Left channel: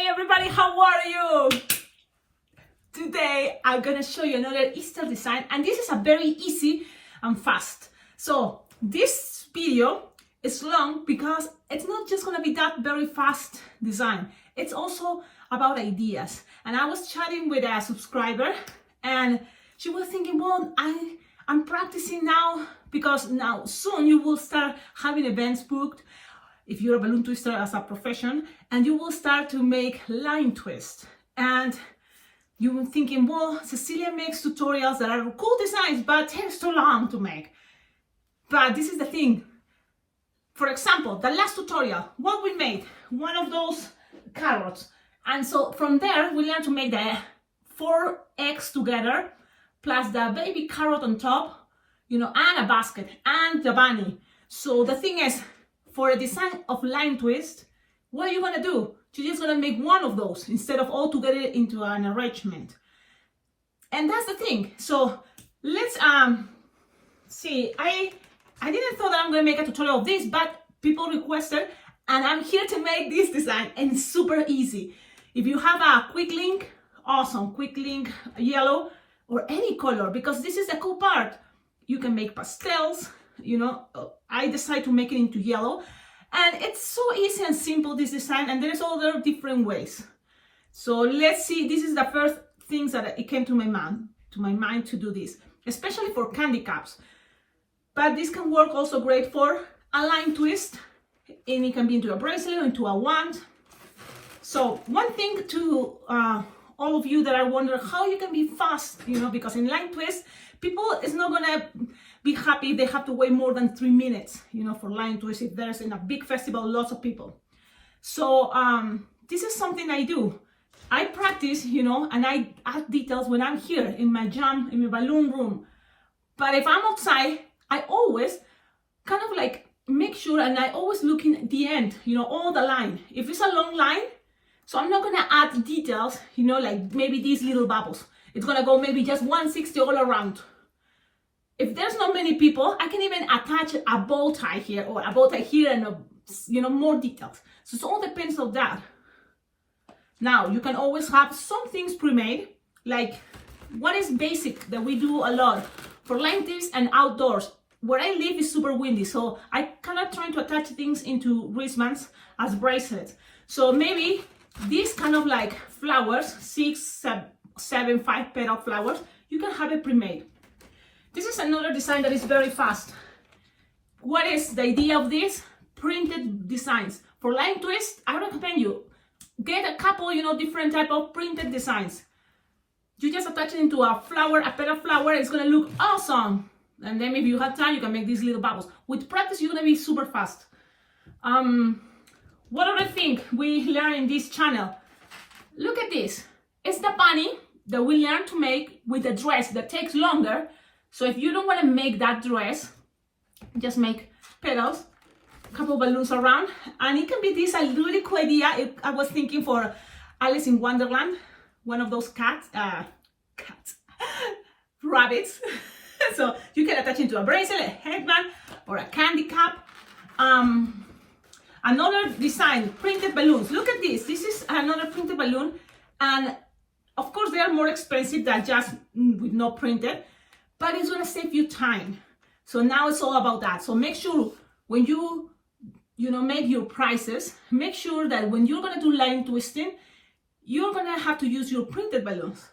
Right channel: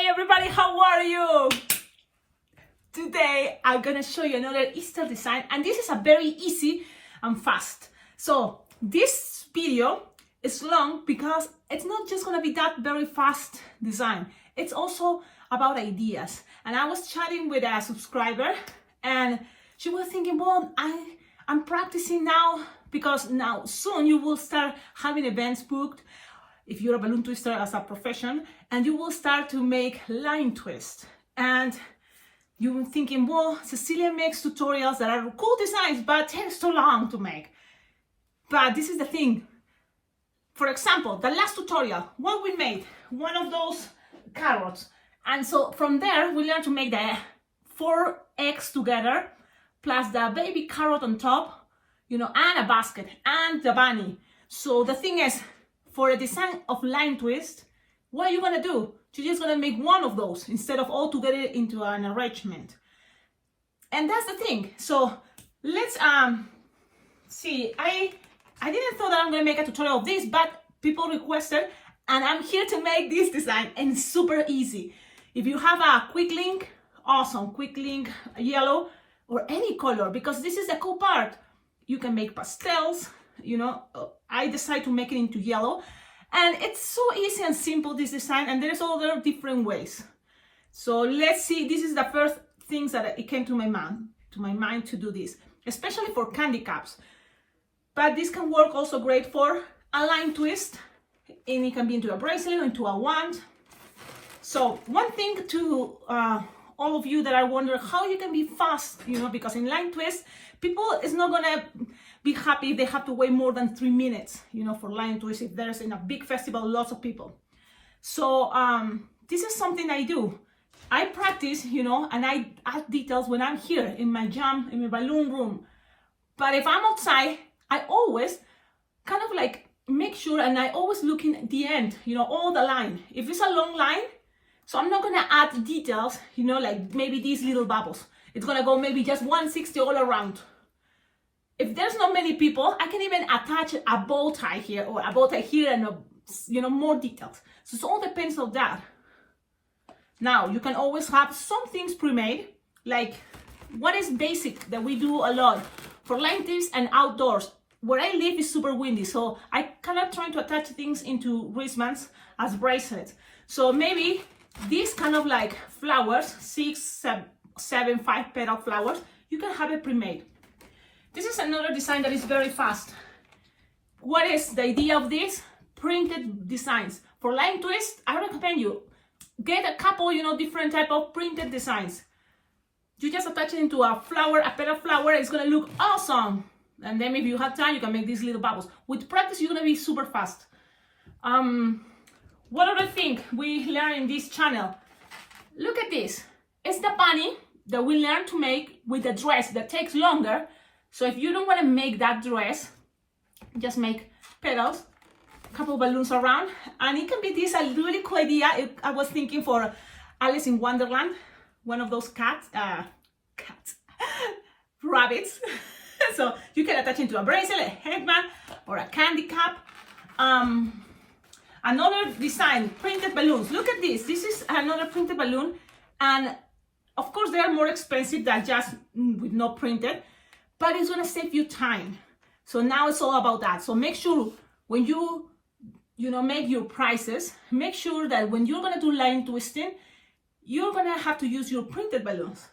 Hey everybody, how are you? Today I'm gonna show you another Easter design, and this is a very easy and fast. So this video is long because it's not just gonna be that very fast design, it's also about ideas. And I was chatting with a subscriber and she was thinking, well, I'm practicing now because now soon you will start having events booked if you're a balloon twister as a profession, and you will start to make line twists. And you were thinking, well, Cecilia makes tutorials that are cool designs, but takes too long to make. But this is the thing. For example, the last tutorial, what we made, one of those carrots. And so from there, we learned to make the 4 eggs together, plus the baby carrot on top, and a basket, and the bunny. So the thing is, for a design of line twist, what are you gonna do? You're just gonna make one of those instead of all together into an arrangement. And that's the thing. So let's see. I didn't thought that I'm gonna make a tutorial of this, but people requested, and I'm here to make this design, and it's super easy. If you have a quick link, awesome, quick link, yellow or any color, because this is the cool part. You can make pastels. I decided to make it into yellow, and it's so easy and simple, this design, and there's other different ways. So let's see. This is the first things that it came to my mind to do this, especially for candy caps. But this can work also great for a line twist, and it can be into a bracelet or into a wand. So one thing to all of you that I wonder how you can be fast, because in line twist, people is not gonna be happy if they have to wait more than 3 minutes, for line twist if there's in a big festival, lots of people. So this is something I do. I practice, and I add details when I'm here in my jam, in my balloon room. But if I'm outside, I always kind of like make sure, and I always look in the end, all the line. If it's a long line, so I'm not gonna add details, like maybe these little bubbles. It's gonna go maybe just 160 all around. If there's not many people, I can even attach a bow tie here or a bow tie here and more details. So it all depends on that. Now you can always have some things pre-made, like what is basic that we do a lot for line twists and outdoors. Where I live is super windy, so I kind of trying to attach things into wristbands as bracelets. So maybe these kind of like flowers, 6, 7, 5 petal flowers, you can have it pre-made. This is another design that is very fast. What is the idea of this? Printed designs. For line twist, I recommend you get a couple, different type of printed designs. You just attach it into a flower, a petal flower, it's gonna look awesome. And then if you have time, you can make these little bubbles. With practice, you're gonna be super fast. What other thing we learn in this channel? Look at this. It's the bunny that we learn to make with a dress that takes longer. So if you don't want to make that dress, just make petals, a couple balloons around, and it can be this a really cool idea. I was thinking for Alice in Wonderland, one of those rabbits. So you can attach it to a bracelet, a headband, or a candy cap. Another design, printed balloons. Look at this. This is another printed balloon, and of course they are more expensive than just with no printed. But it's gonna save you time. So now it's all about that. So make sure when you make your prices, make sure that when you're gonna do line twisting, you're gonna have to use your printed balloons.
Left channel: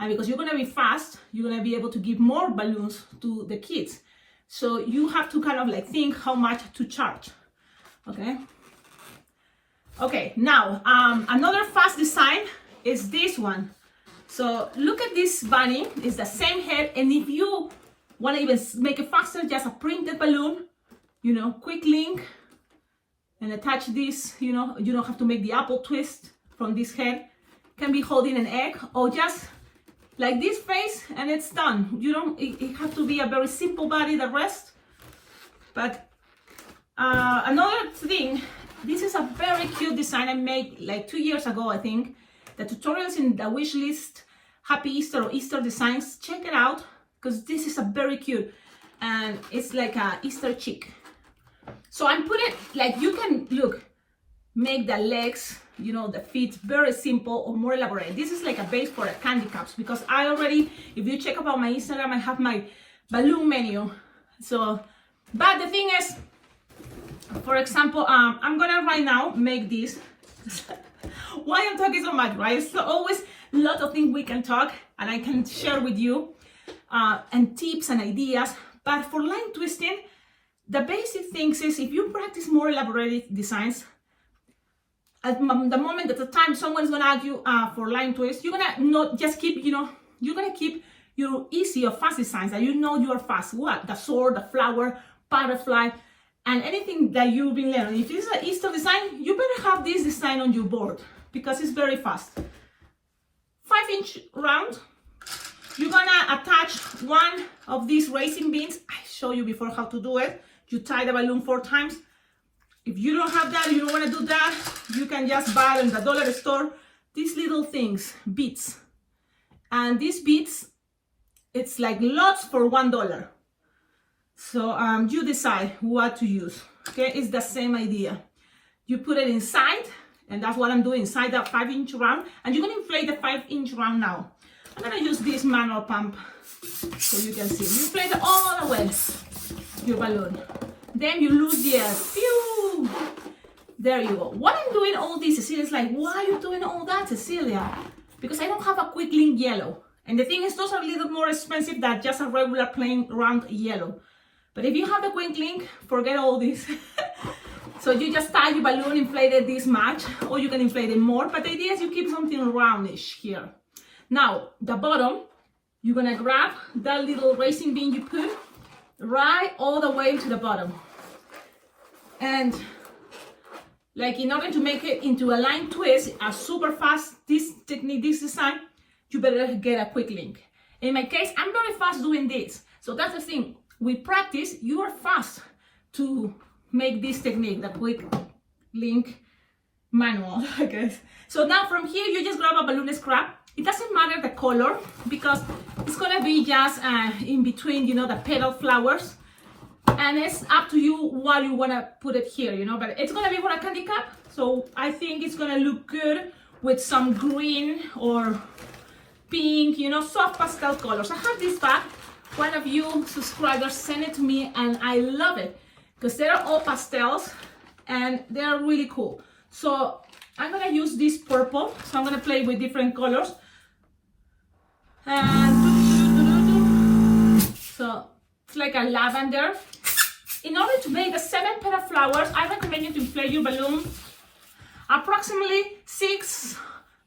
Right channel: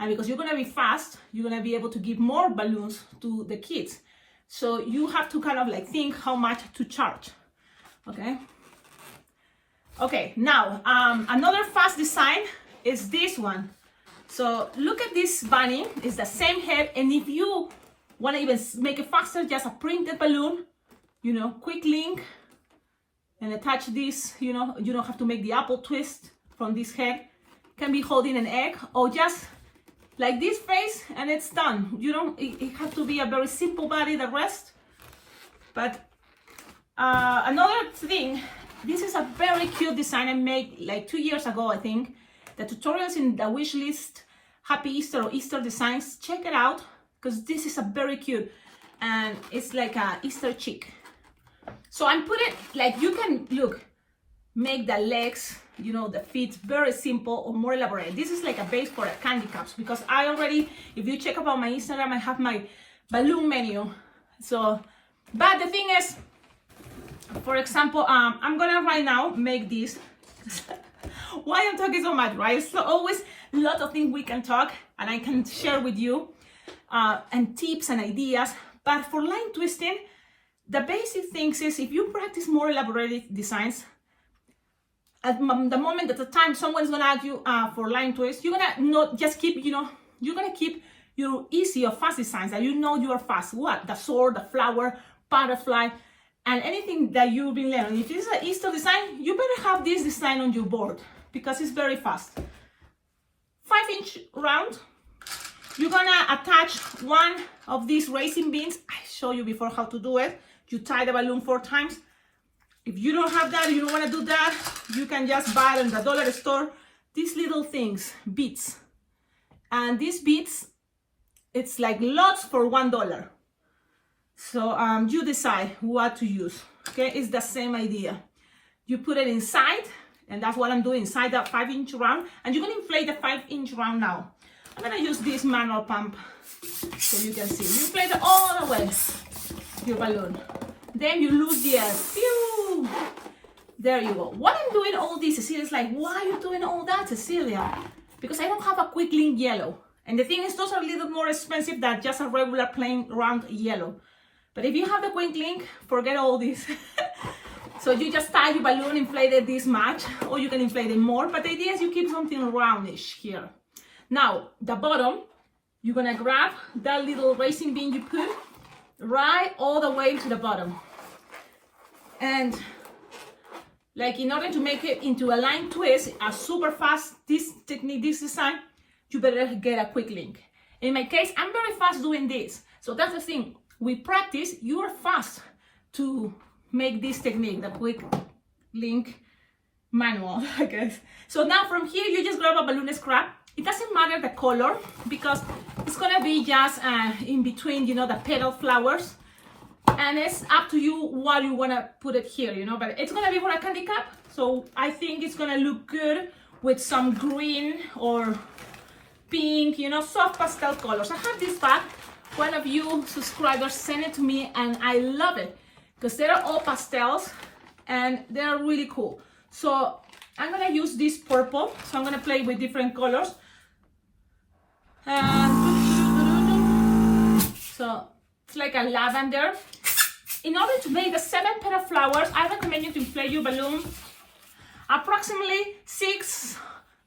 And because you're gonna be fast, you're gonna be able to give more balloons to the kids. So you have to kind of like think how much to charge, okay? Okay, now another fast design is this one. So look at this bunny, it's the same head, and if you want to even make it faster, just a printed balloon, quick link, and attach this, you don't have to make the apple twist from this head. Can be holding an egg, or just like this face, and it's done. It has to be a very simple body, the rest. But another thing, this is a very cute design I made like 2 years ago, I think. The tutorials in the wish list, Happy Easter or Easter designs, check it out, because this is a very cute, and it's like a Easter chick. So I'm putting, like, you can, look, make the legs you know, the feet very simple or more elaborate. This is like a base for candy cups, because I already, if you check about my Instagram, I have my balloon menu. So, but the thing is, for example, I'm gonna right now make this. Why I'm talking so much, right? So always a lot of things we can talk and I can share with you, and tips and ideas. But for line twisting, the basic things is, if you practice more elaborate designs, at the moment, at the time someone's gonna ask you for line twist, you're gonna not just keep, you know, you're gonna keep your easy or fast designs that you know you are fast. What? The sword, the flower, butterfly, and anything that you've been learning. If it's an Easter design, you better have this design on your board because it's very fast. 5-inch round. You're gonna attach one of these racing beans. I showed you before how to do it. You tie the balloon 4 times. If you don't have that, you don't want to do that, you can just buy in the dollar store these little things, beads. And these beads, it's like lots for $1. So you decide what to use. Okay, it's the same idea. You put it inside, and that's what I'm doing, inside that 5-inch round. And you're gonna inflate the 5-inch round now. I'm gonna use this manual pump so you can see. You inflate it all the way, your balloon. Then you lose the air. Pew! There you go. What I'm doing all this, Cecilia's like, why are you doing all that, Cecilia? Because I don't have a quick link yellow. And the thing is, those are a little more expensive than just a regular plain round yellow. But if you have the quick link, forget all this. So you just tie your balloon, inflate it this much, or you can inflate it more. But the idea is you keep something roundish here. Now, the bottom, you're gonna grab that little racing bean you put right all the way to the bottom. And like, in order to make it into a line twist, a super fast, this technique, this design, you better get a quick link. In my case, I'm very fast doing this. So that's the thing. We practice, you are fast to make this technique, the quick link manual, I guess. So now from here, you just grab a balloon scrap. It doesn't matter the color because it's gonna be just in between, you know, the petal flowers. And it's up to you what you wanna put it here, you know, but it's gonna be for a candy cup. So I think it's gonna look good with some green or pink, you know, soft pastel colors. I have this bag. One of you subscribers sent it to me and I love it because they're all pastels and they're really cool. So I'm gonna use this purple. So I'm gonna play with different colors. And so it's like a lavender. In order to make the 7 petal flowers, I recommend you to inflate your balloon approximately 6,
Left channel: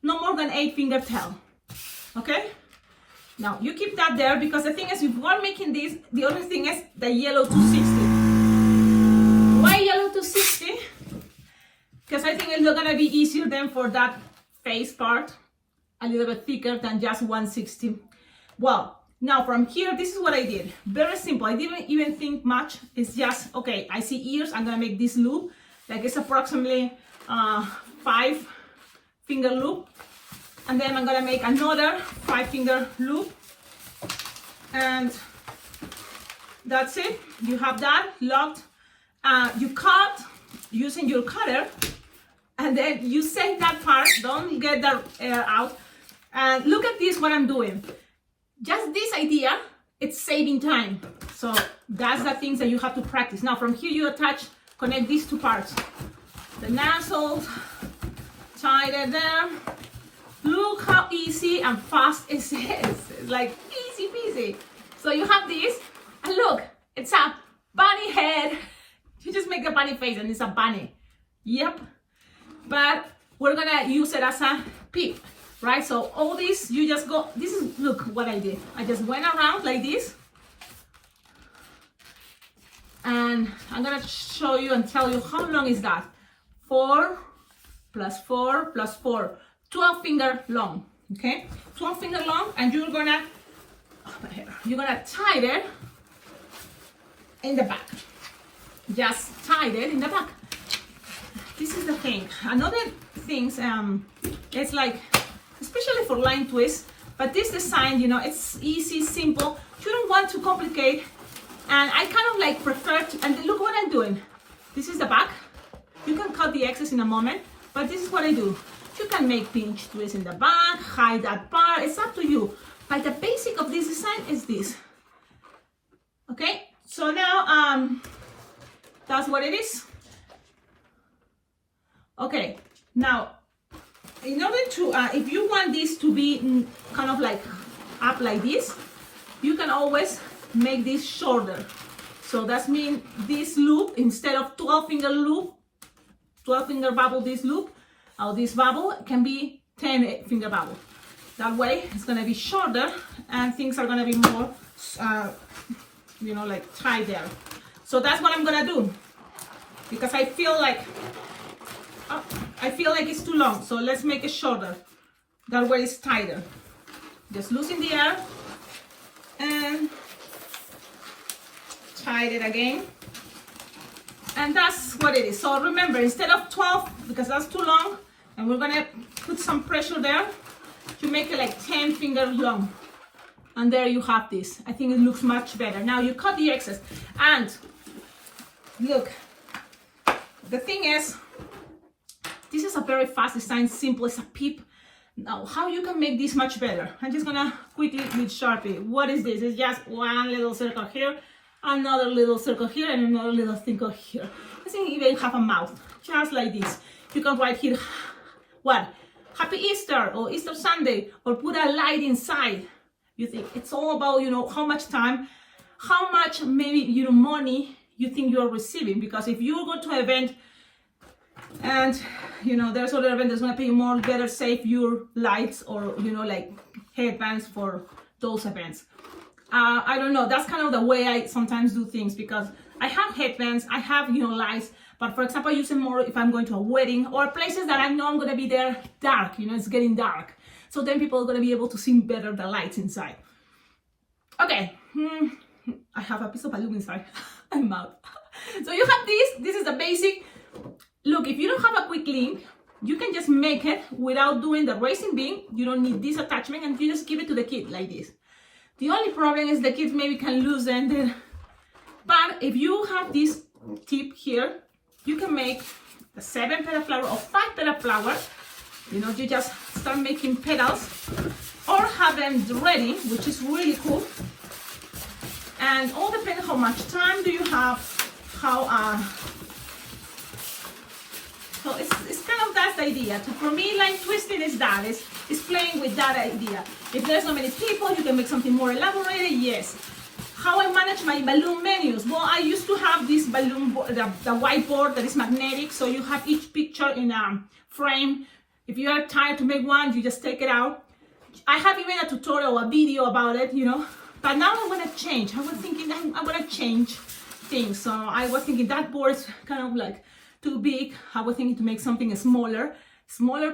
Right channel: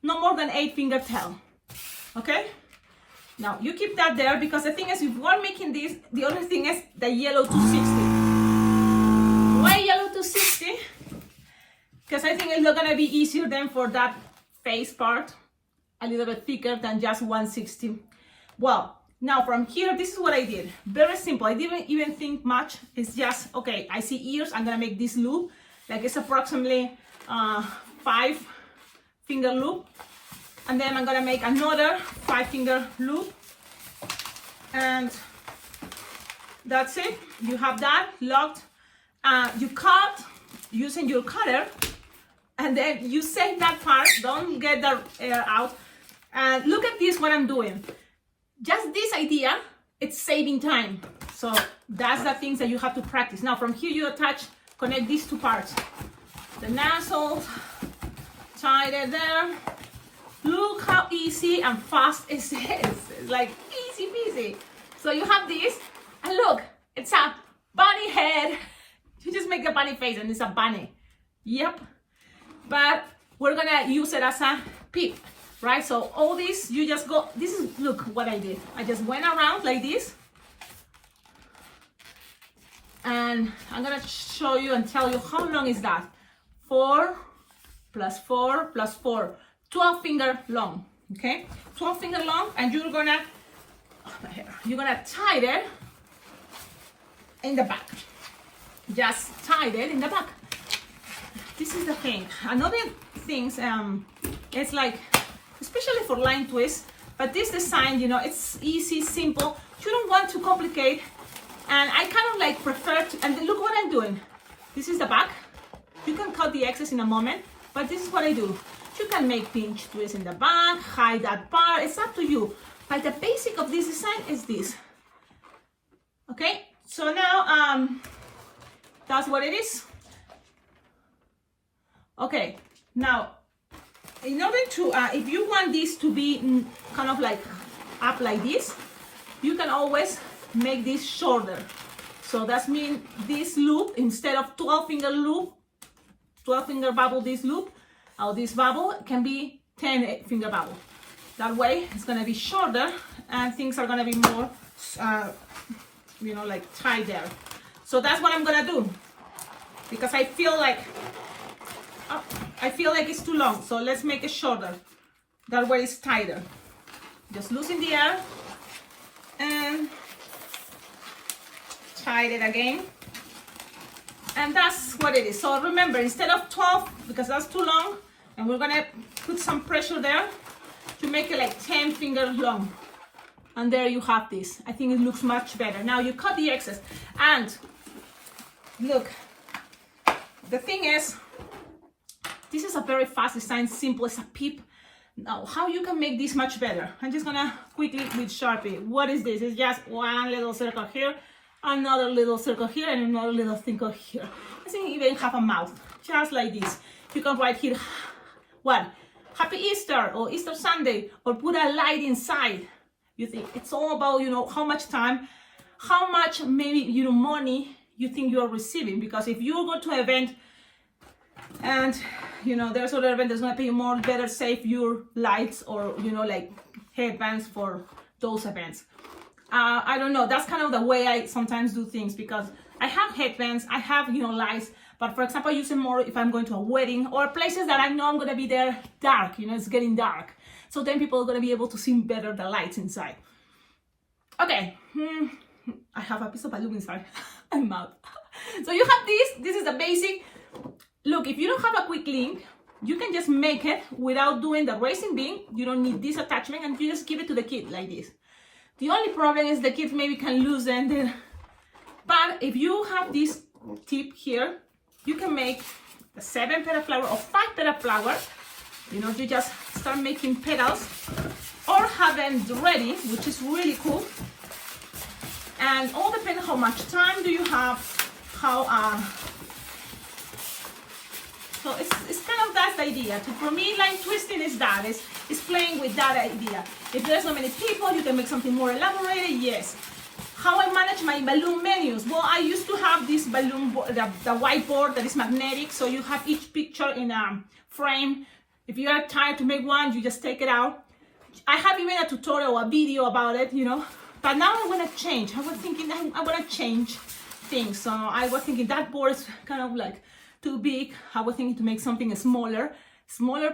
no more than 8 finger tail. Okay? Now you keep that there because the thing is, if we're making this, the other thing is the yellow 260. Why yellow 260? Because I think it's not gonna be easier than for that face part, a little bit thicker than just 160. Well, now from here, this is what I did. Very simple. I didn't even think much. It's just, okay, I see ears. I'm gonna make this loop. Like it's approximately 5 finger loop. And then I'm gonna make another 5 finger loop. And that's it. You have that locked. You cut using your cutter. And then you save that part. Don't get the air out. And look at this, what I'm doing. Just this idea, it's saving time. So that's the things that you have to practice. Now from here you connect these 2 parts. The nozzles, tie it there. Look how easy and fast it is. It's like easy peasy. So you have this, and look, it's a bunny head. You just make a bunny face and it's a bunny. Yep. But we're gonna use it as a peep. Right, so all this, you just go, this is, look what I did. I just went around like this. And I'm gonna show you and tell you how long is that. 4 plus 4 plus 4. 12 finger long, okay? 12 finger long, and you're gonna tie it in the back. Just tie it in the back. This is the thing. Another thing, it's like, especially for line twist, but this design, you know, it's easy, simple. You don't want to complicate, and I kind of like prefer to, and look what I'm doing. This is the back. You can cut the excess in a moment, but this is what I do. You can make pinch twists in the back, hide that part, it's up to you. But the basic of this design is this. Okay, so now that's what it is. Okay, now in order to, if you want this to be kind of like up like this, you can always make this shorter. So that means this loop, instead of 12 finger loop, 12 finger bubble, this loop, or this bubble can be 10 finger bubble. That way it's gonna be shorter and things are gonna be more, you know, like tight there. So that's what I'm gonna do, because I feel like it's too long. So let's make it shorter. That way it's tighter. Just loosen the air and tight it again. And that's what it is. So remember, instead of 12, because that's too long, and we're gonna put some pressure there to make it like 10 fingers long. And there you have this. I think it looks much better. Now you cut the excess. And look, the thing is, this is a very fast design, simple as a peep. Now, how you can make this much better? I'm just gonna quickly with Sharpie. What is this? It's just one little circle here, another little circle here, and another little circle here. I think even have a mouth, just like this. You can write here, what? Happy Easter, or Easter Sunday, or put a light inside. You think it's all about, you know, how much time, how much maybe, you know, money you think you're receiving. Because if you go to an event and, you know, there's other event that's gonna pay you more, better save your lights or, you know, like headbands for those events. I don't know, that's kind of the way I sometimes do things, because I have headbands, I have, you know, lights, but for example, I use them more if I'm going to a wedding or places that I know I'm gonna be there dark, you know, it's getting dark. So then people are gonna be able to see better the lights inside. Okay, I have a piece of balloon inside. I'm out. So you have this is the basic. Look, if you don't have a quick link, you can just make it without doing the racing beam. You don't need this attachment, and you just give it to the kid like this. The only problem is the kids maybe can loosen the, but if you have this tip here, you can make a 7 petal flower or 5 petal flower. You know, you just start making petals or have them ready, which is really cool. And all depends how much time do you have, how so it's kind of that idea. For me, line twisting is that, is playing with that idea. If there's not many people, you can make something more elaborated, yes. How I manage my balloon menus? Well, I used to have this balloon board, the whiteboard that is magnetic, so you have each picture in a frame. If you are tired to make one, you just take it out. I have even a tutorial, a video about it, you know. But now I want to change. I was thinking I want to change things. So I was thinking that board is kind of like too big. I was thinking to make something smaller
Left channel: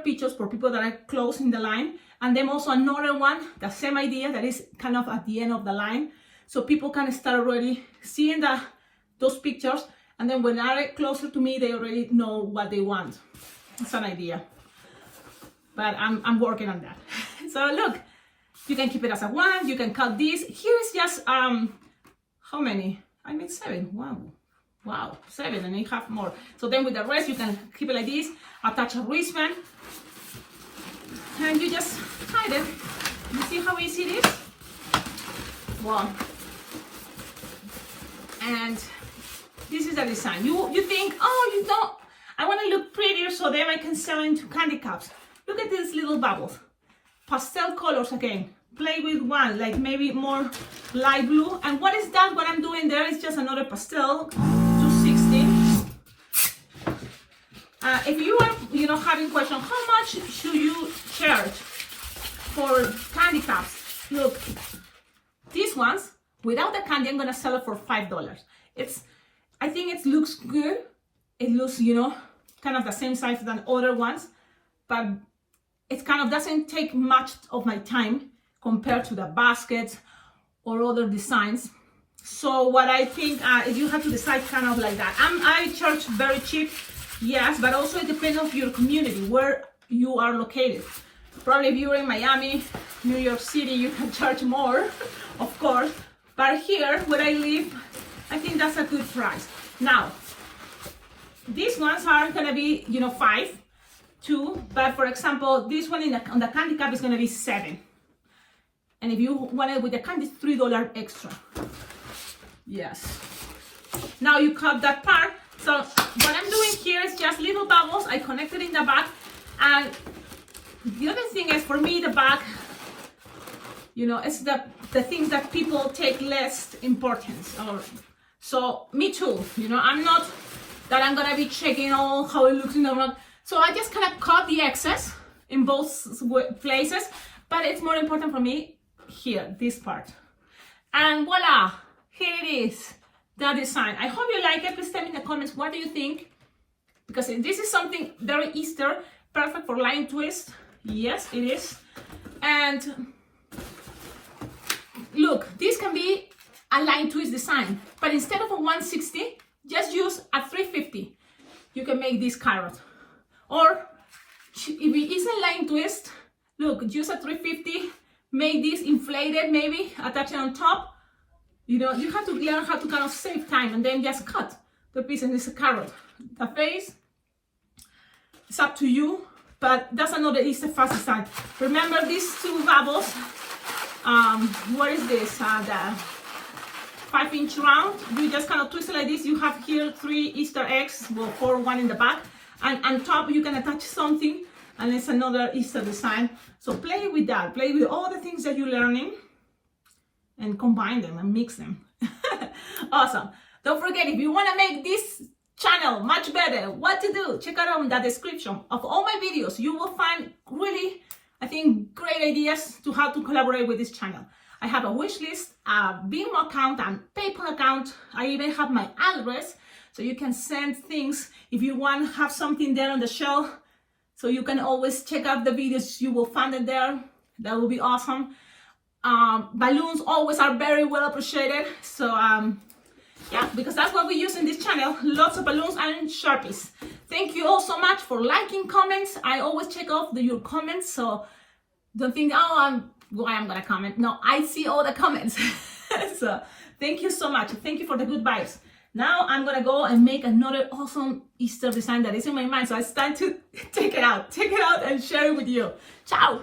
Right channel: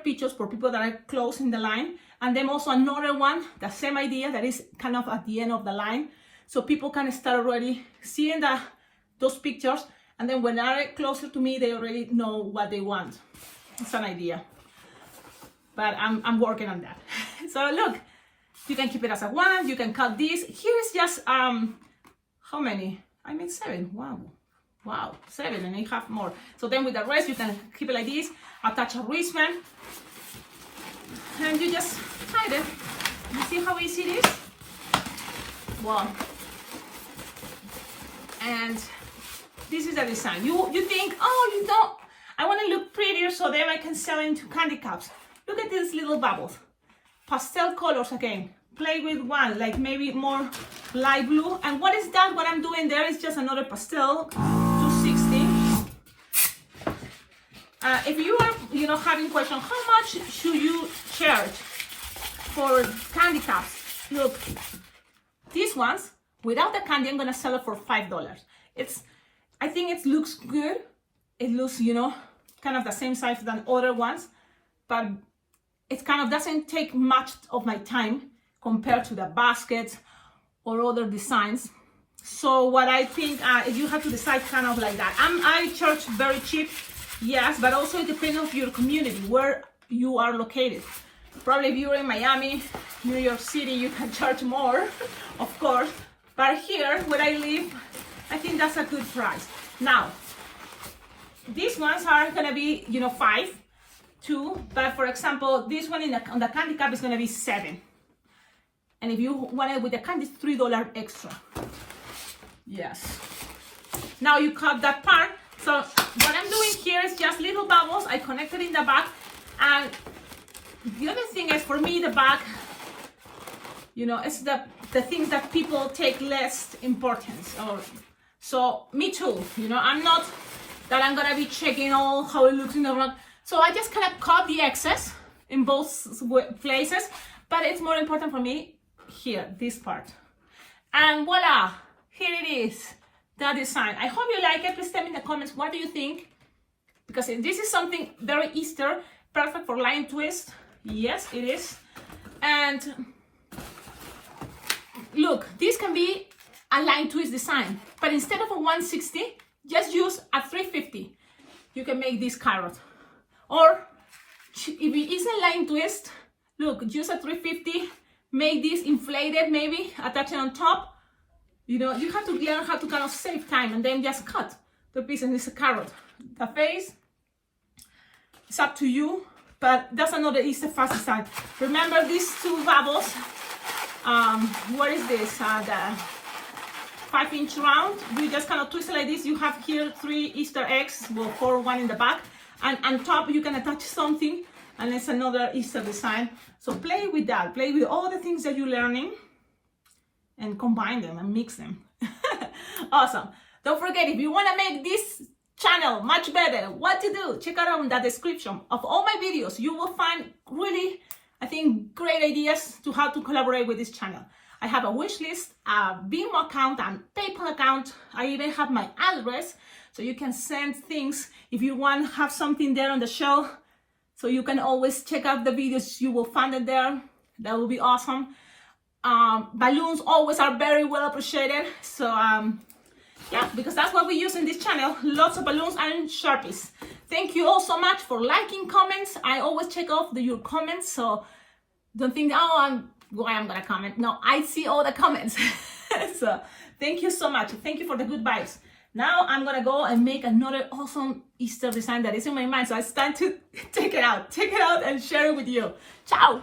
pictures for people that are close in the line. And then also another one, the same idea, that is kind of at the end of the line. So people can start already seeing those pictures. And then when they're closer to me, they already know what they want. It's an idea. But I'm working on that. So look, you can keep it as a one, you can cut this. Here is just, how many? I made 7, wow, 7, and I have more. So then with the rest, you can keep it like this, attach a wristband, and you just tie it. You see how easy it is? Wow. And this is the design. You think, oh, you know, I want to look prettier, so then I can sell into candy cups. Look at these little bubbles. Pastel colors again. Play with one, like maybe more light blue. And what is that? What I'm doing there is just another pastel, 260. If you are, you know, having question, how much should you charge for candy cups? Look, these ones without the candy, I'm gonna sell it for $5. I think it looks good. It looks, you know, kind of the same size than other ones, but it kind of doesn't take much of my time compared to the baskets or other designs. So what I think, you have to decide kind of like that. I charge very cheap, yes, but also it depends on your community, where you are located. Probably if you're in Miami, New York City, you can charge more, of course. But here, where I live, I think that's a good price. Now, these ones are gonna be, you know, 5. 2, but for example, this one on the candy cup is gonna be 7. And if you want it with the candy, it's $3 extra. Yes. Now you cut that part. So what I'm doing here is just little bubbles. I connected in the back. And the other thing is, for me, the back, you know, it's the things that people take less importance. So me too, you know, I'm not that I'm gonna be checking all how it looks in the front. So I just kind of cut the excess in both places, but it's more important for me here, this part. And voila, here it is, the design. I hope you like it. Please tell me in the comments, what do you think? Because this is something very Easter, perfect for line twist. Yes, it is. And look, this can be a line twist design, but instead of a 160, just use a 350. You can make this carrot. Or if it is a line twist, look, use a 350, make this inflated maybe, attach it on top. You know, you have to learn how to kind of save time and then just cut the piece, and it's a carrot. The face, it's up to you, but that's another Easter fast design. Remember these 2 bubbles. What is this? The 5-inch round. You just kind of twist it like this. You have here 3 Easter eggs, well, 4, 1 in the back, and on top you can attach something, and it's another Easter design. So play with that. Play with all the things that you're learning, and combine them and mix them. Awesome. Don't forget, if you want to make this channel much better, what to do, check out on the description of all my videos. You will find really, I think, great ideas to how to collaborate with this channel. I have a wish list, a Venmo account, and PayPal account. I even have my address, so you can send things if you want to have something there on the shelf. So you can always check out the videos. You will find it there. That will be awesome. Balloons always are very well appreciated. So yeah, because that's what we use in this channel. Lots of balloons and Sharpies. Thank you all so much for liking, comments. I always check off your comments, so don't think, oh, I'm gonna comment. No, I see all the comments. So thank you so much. Thank you for the good vibes. Now I'm gonna go and make another awesome Easter design that is in my mind. So I start to take it out and share it with you. Ciao.